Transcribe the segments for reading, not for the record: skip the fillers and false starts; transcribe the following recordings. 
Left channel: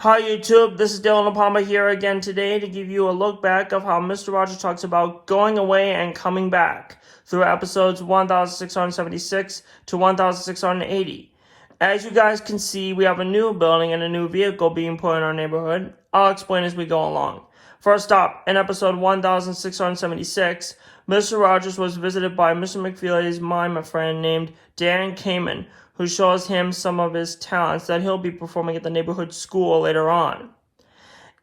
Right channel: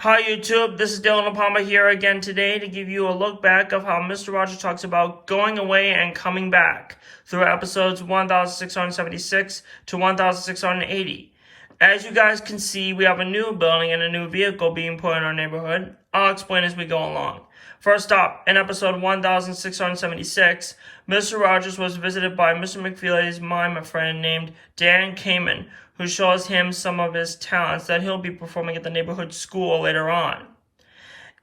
Hi YouTube, this is Dylan Palmer here again today to give you a look back of how Mr. Rogers talks about going away and coming back through episodes 1676 to 1680. As you guys can see, we have a new building and a new vehicle being put in our neighborhood. I'll explain as we go along. First up, in episode 1676, Mr. Rogers was visited by Mr. McFeely's mime friend named Dan Kamen, who shows him some of his talents that he'll be performing at the neighborhood school later on.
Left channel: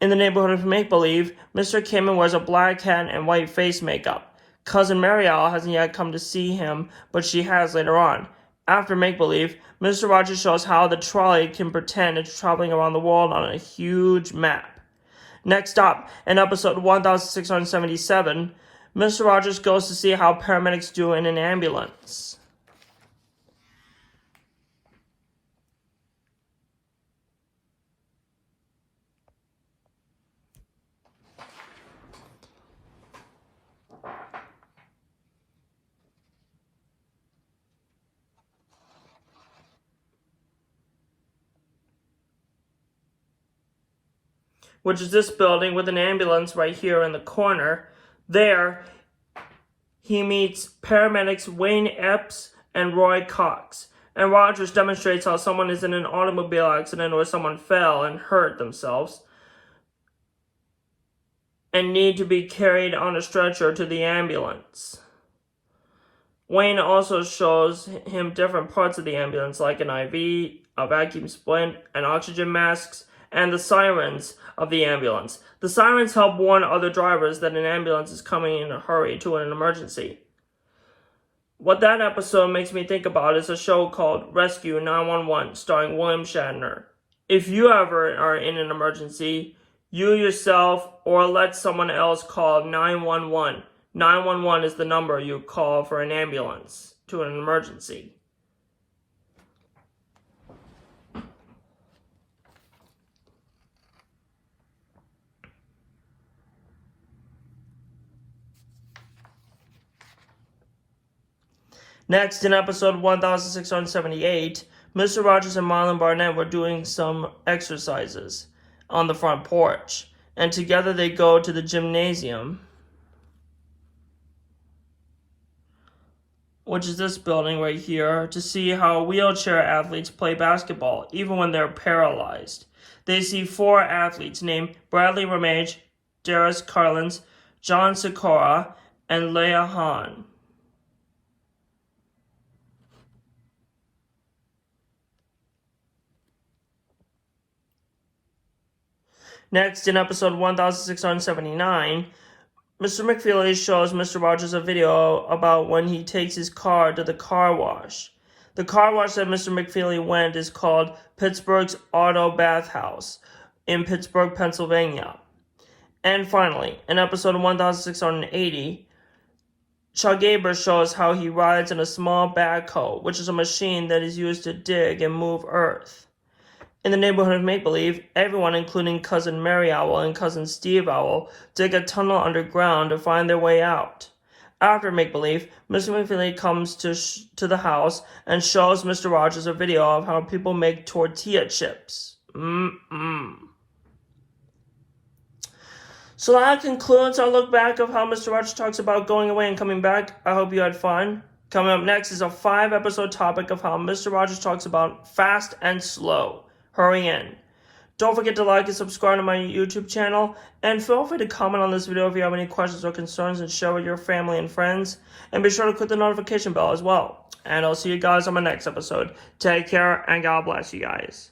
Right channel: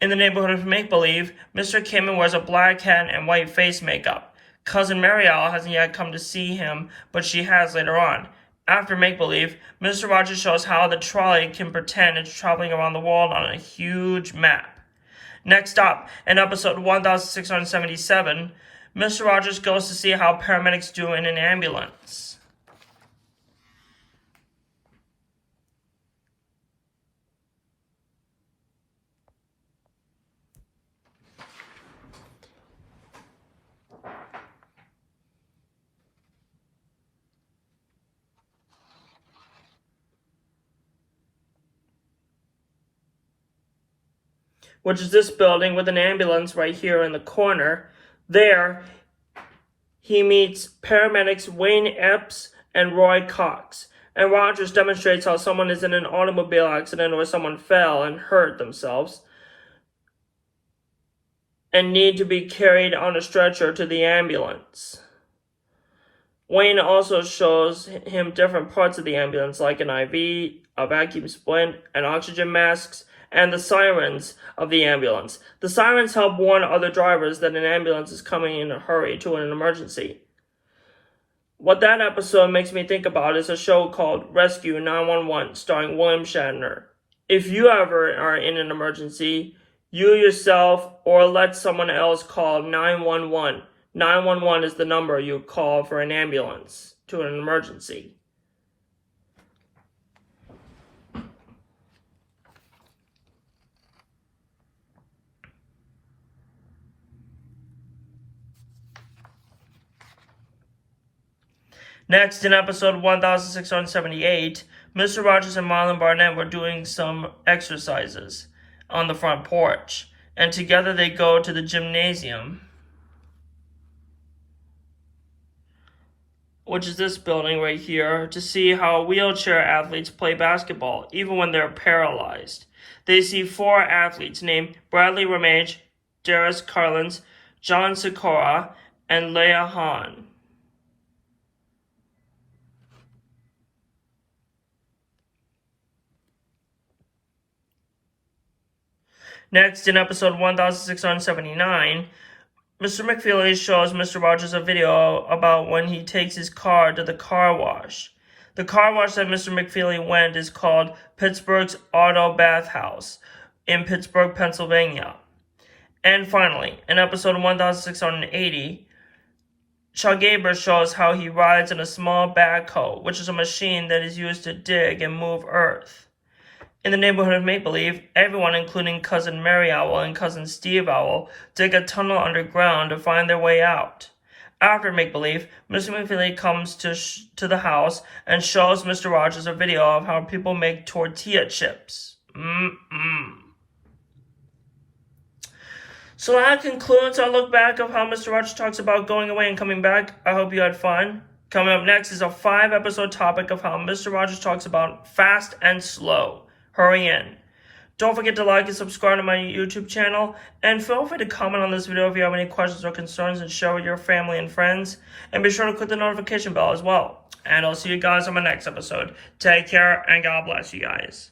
In the neighborhood of Make-Believe, Mr. Kamen wears a black hat and white face makeup. Cousin Mary Owl hasn't yet come to see him, but she has later on. After Make-Believe, Mr. Rogers shows how the trolley can pretend it's traveling around the world on a huge map. Next up, in episode 1677, Mr. Rogers goes to see how paramedics do in an ambulance. Which is this building with an ambulance right here in the corner. There, he meets paramedics Wayne Epps and Roy Cox. And Rogers demonstrates how someone is in an automobile accident or someone fell and hurt themselves and need to be carried on a stretcher to the ambulance. Wayne also shows him different parts of the ambulance, like an IV, a vacuum splint, and oxygen masks, and the sirens of the ambulance. The sirens help warn other drivers that an ambulance is coming in a hurry to an emergency. What that episode makes me think about is a show called Rescue 911, starring William Shatner. If you ever are in an emergency, you yourself or let someone else call 911. 911 is the number you call for an ambulance to an emergency. Next, in episode 1678, Mr. Rogers and Marlon Barnett were doing some exercises on the front porch, and together they go to the gymnasium, which is this building right here, to see how wheelchair athletes play basketball, even when they're paralyzed. They see 4 athletes named Bradley Ramage, Darius Carlins, John Sikora, and Leah Hahn. Next, in episode 1679, Mr. McFeely shows Mr. Rogers a video about when he takes his car to the car wash. The car wash that Mr. McFeely went is called Pittsburgh's Auto Bath House in Pittsburgh, Pennsylvania. And finally, in episode 1680, Chuck Aber shows how he rides in a small backhoe, which is a machine that is used to dig and move earth. In the neighborhood of Make-Believe, everyone, including Cousin Mary Owl and Cousin Steve Owl, dig a tunnel underground to find their way out. After Make-Believe, Mr. McFeely comes to the house and shows Mr. Rogers a video of how people make tortilla chips. So that concludes our look back of how Mr. Rogers talks about going away and coming back. I hope you had fun. Coming up next is a 5-episode topic of how Mr. Rogers talks about fast and slow. Hurry in. Don't forget to like and subscribe to my YouTube channel, and feel free to comment on this video if you have any questions or concerns and share with your family and friends, and be sure to click the notification bell as well. And I'll see you guys on my next episode. Take care, and God bless you guys.